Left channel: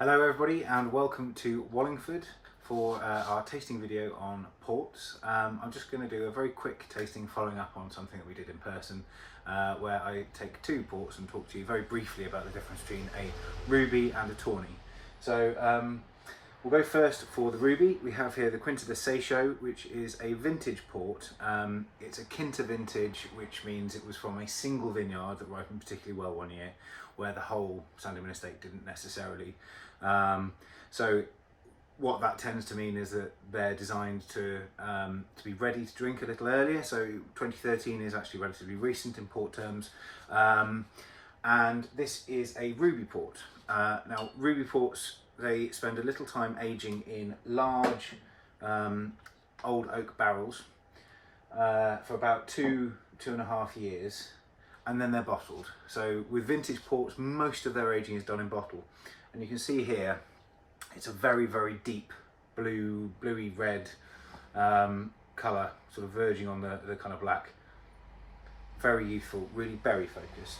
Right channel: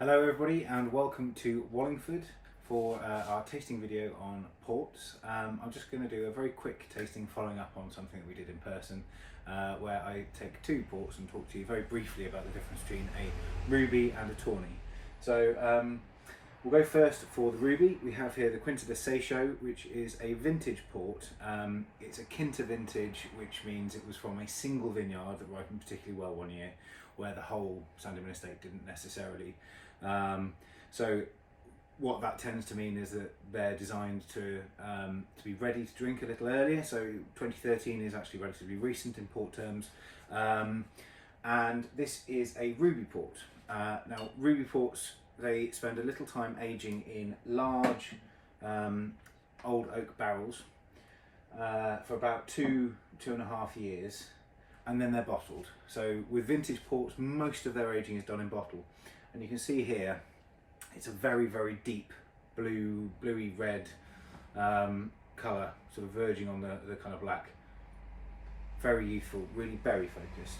Hello everybody and welcome to Wallingford for our tasting video on ports. I'm just going to do a very quick tasting following up on something that we did in person where I take two ports and talk to you very briefly about the difference between a ruby and a tawny. So we'll go first for the ruby. We have here the Quinta de Seixo, which is a vintage port. It's a Quinta vintage, which means it was from a single vineyard that ripened particularly well one year, where the whole Sandeman estate didn't necessarily. So what that tends to mean is that they're designed to be ready to drink a little earlier. So 2013 is actually relatively recent in port terms. And this is a ruby port. Now ruby ports, they spend a little time aging in large old oak barrels for about 2.5 years, and then they're bottled. So with vintage ports, most of their aging is done in bottle. And you can see here, it's a very, very deep bluey red colour, sort of verging on the kind of black. Very youthful, really berry focused.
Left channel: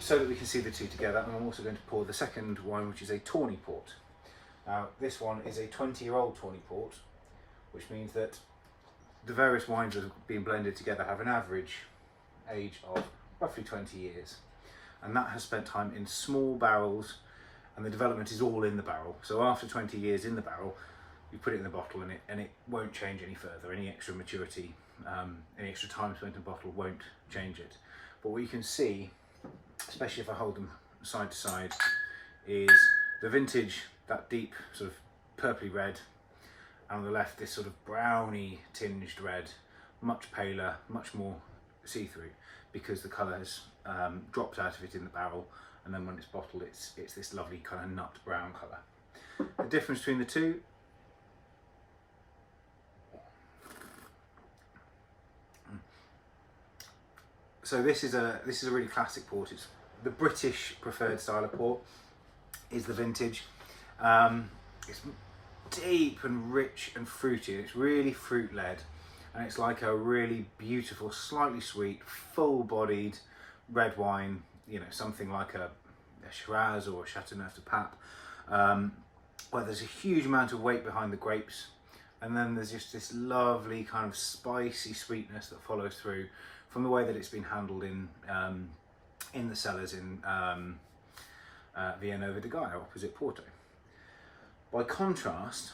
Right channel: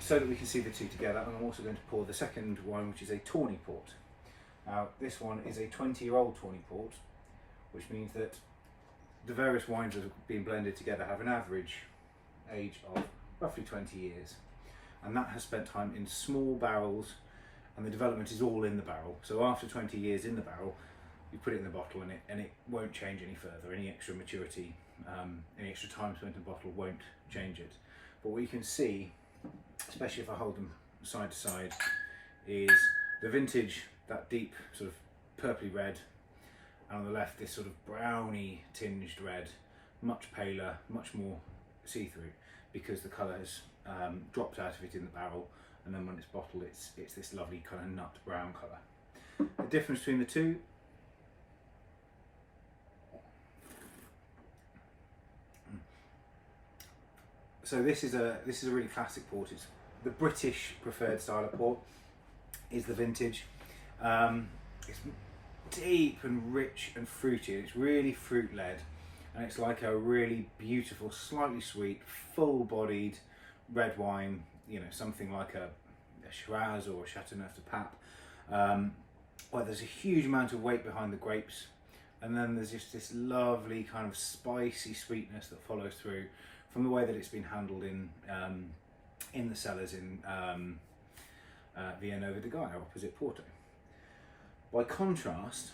So that we can see the two together, and I'm also going to pour the second wine, which is a tawny port. This one is a 20-year-old tawny port, which means that the various wines that have been blended together have an average age of roughly 20 years. And that has spent time in small barrels, and the development is all in the barrel. So after 20 years in the barrel, you put it in the bottle and it won't change any further. Any extra maturity, any extra time spent in the bottle won't change it. But what you can see, especially if I hold them side to side, is the vintage, that deep sort of purpley red, and on the left this sort of browny tinged red, much paler, much more see-through, because the colour has dropped out of it in the barrel, and then when it's bottled it's this lovely kind of nut brown colour. The difference between the two, so this is a really classic port. It's the British preferred style of port, is the vintage. It's deep and rich and fruity, and it's really fruit led, and it's like a really beautiful, slightly sweet, full bodied red wine, you know, something like a Shiraz or a Chateauneuf de Pape, where there's a huge amount of weight behind the grapes, and then there's just this lovely kind of spicy sweetness that follows through from the way that it's been handled in the cellars in Villanova de Gaia, opposite Porto. By contrast,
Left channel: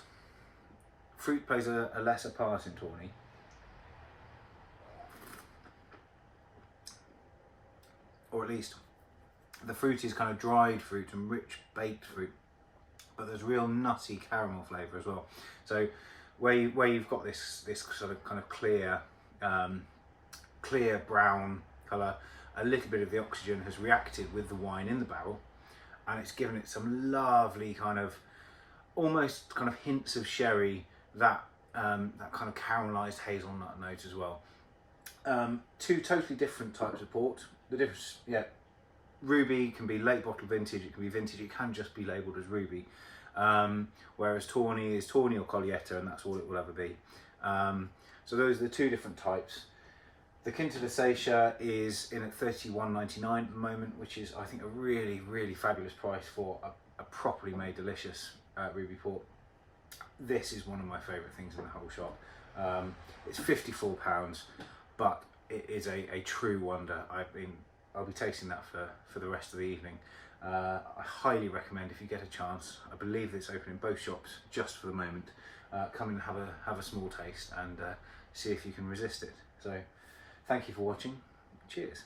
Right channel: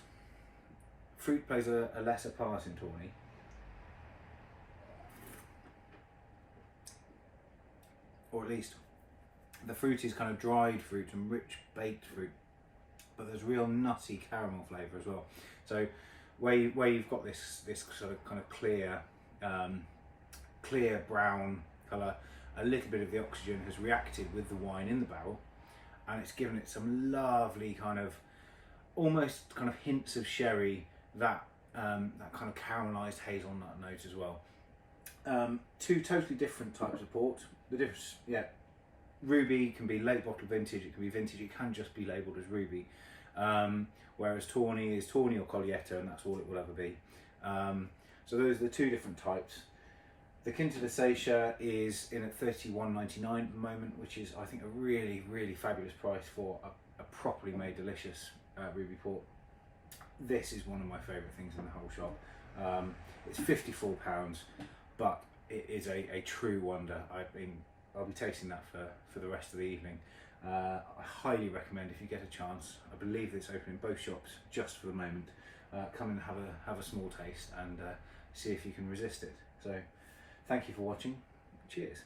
fruit plays a lesser part in Tawny. Or at least the fruit is kind of dried fruit and rich baked fruit, but there's real nutty caramel flavour as well. So where you've got this sort of kind of clear brown colour, a little bit of the oxygen has reacted with the wine in the barrel, and it's given it some lovely kind of almost kind of hints of sherry, that kind of caramelised hazelnut note as well. Two totally different types of port. The difference, yeah, ruby can be late bottle vintage, it can be vintage, it can just be labelled as ruby. Whereas tawny is tawny or Collietta, and that's all it will ever be. So those are the two different types. The Quinta de Seixo is in at $31.99 at the moment, which is, I think, a really, really fabulous price for a properly made, delicious ruby port. This is one of my favourite things in the whole shop. It's £54, but it is a true wonder. I'll be tasting that for the rest of the evening. I highly recommend, if you get a chance, I believe it's open in both shops just for the moment, come and have a small taste and see if you can resist it. So thank you for watching. Cheers.